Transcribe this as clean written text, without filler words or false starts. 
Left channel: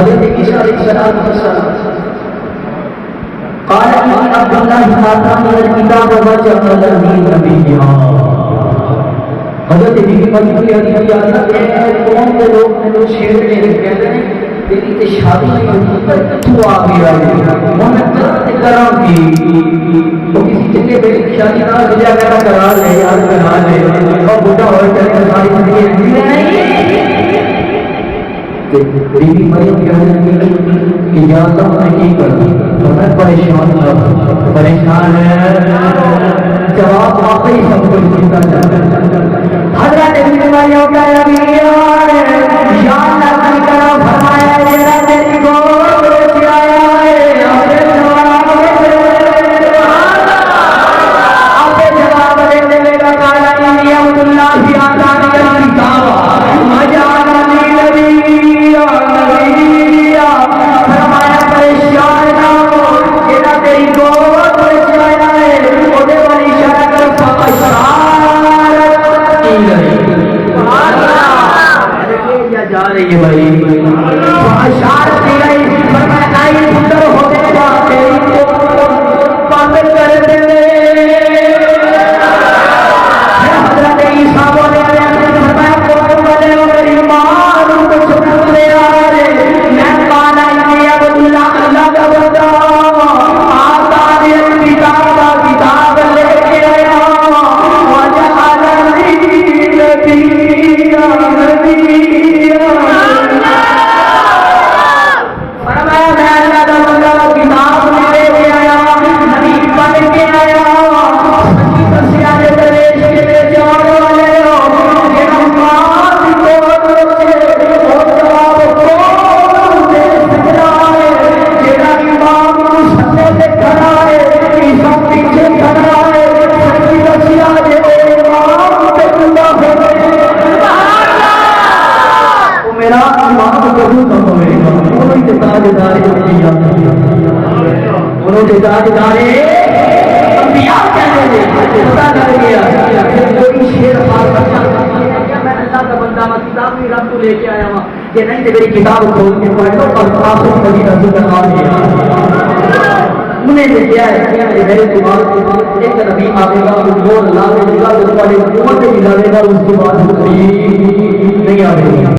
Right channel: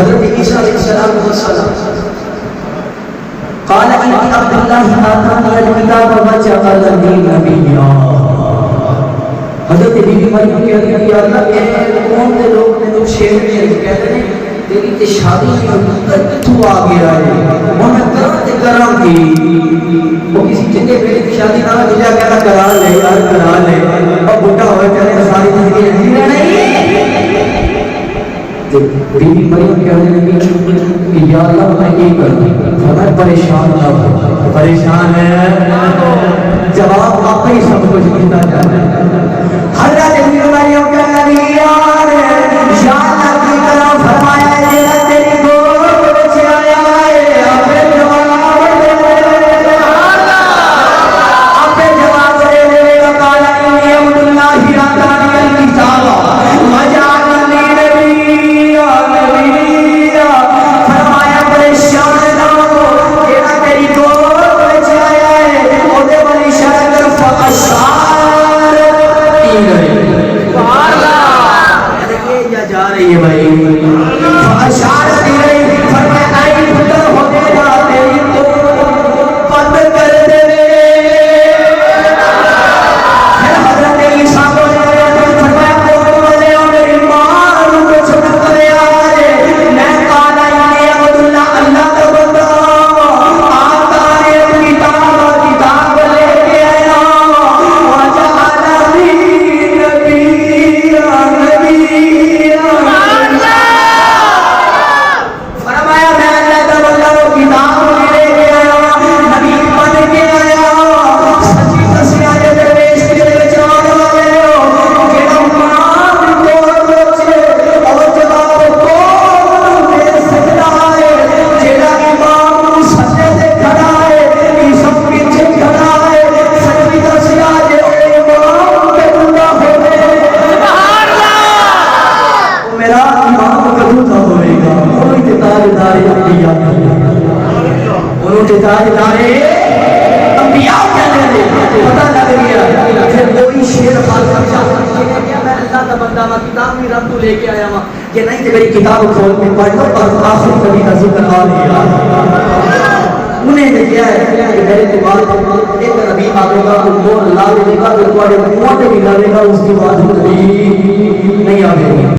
حضرت عیسیٰ علیہ السلام قال ان عبد الله آتانا الكتاب وجعلني نبيا. حضرت بی بی مریم کہتی ہے یا اللہ اے قوم کے لوگ نے تو شیر میں کہتے ہیں تیری تے شادی نہیں ہوئی کر کتوں آ گیا ہے محمد کرام کی وہ کسی چنگے بیٹے کی شادی نہ ہو جا کہنا کرا لے اور بڈھا ہو جائے ساری زندگی رکھنی نہیں. بی بی مریم کہتے ہیں کہ یا اللہ میں کی کروں فرمایا پریشان نہ ہو پریشان ہے جواب آپ ہی سب کچھ دیتا جاتا. حضرت بی بی مریم کہنے لگی یا اللہ کی کرو فرمایا یہ تیری گود بچ آیا ہے آپ جواب دے دے گا قال انی عبد اللہ آتانی الکتاب وجعلنی نبیا نبیا. فرمایا پریشان نہ ہو یہ تیری گود بچ آیا ہے اودے والی شرع کر فاشارت کی گئی جا رہی ہے بھائی اشارت دی گئی فرمایا نہیں پتر ہونے گا تیری تو بند کر دے. حضرت عیسیٰ بولے فرمایا بولنے والے ہو میری ماں کو کچھ کر دے رہے میں کہا نہیں عبد اللہ اللہ کا بندہ آتانی الکتاب کتاب لے کے آیا وجعلنی نبیا نبیا. فرمایا میں اللہ کا بندہ کتاب لے کے آیا نبی بن کے آیا سچی دسیا دے درویش کے جوان والے جڑا ماں دی گود وچ اور جواب کون دے سکدا ہے جڑا امام سجدے تے کھڑا ہے عیسیٰ پیچھے کھڑا ہے سچی دسیا جے امام تے بندہ ہوے او میرا ایمان کبھی نہ ہوئے گا کوئی تے تاجدار انبیاء انہوں تے تاجدار انبیاء کہنے دے پتہ لگ گیا پھر کوئی شیر خاص اچھا میں اللہ کا بندہ میں کتاب بھی رب تو لے کے آیا ہوں کہ نہیں تے میری کتاب کھول کے پڑھ لو اور آخر کبھی نظر کروا دیا. انہیں نے کیا ہے کہ میرے دماغ پر ایک نبی آگے گا وہ اللہ دے گا وہ پڑھے وہ بھی لڑے گا اس کے بعد کوئی نہیں آئے گا.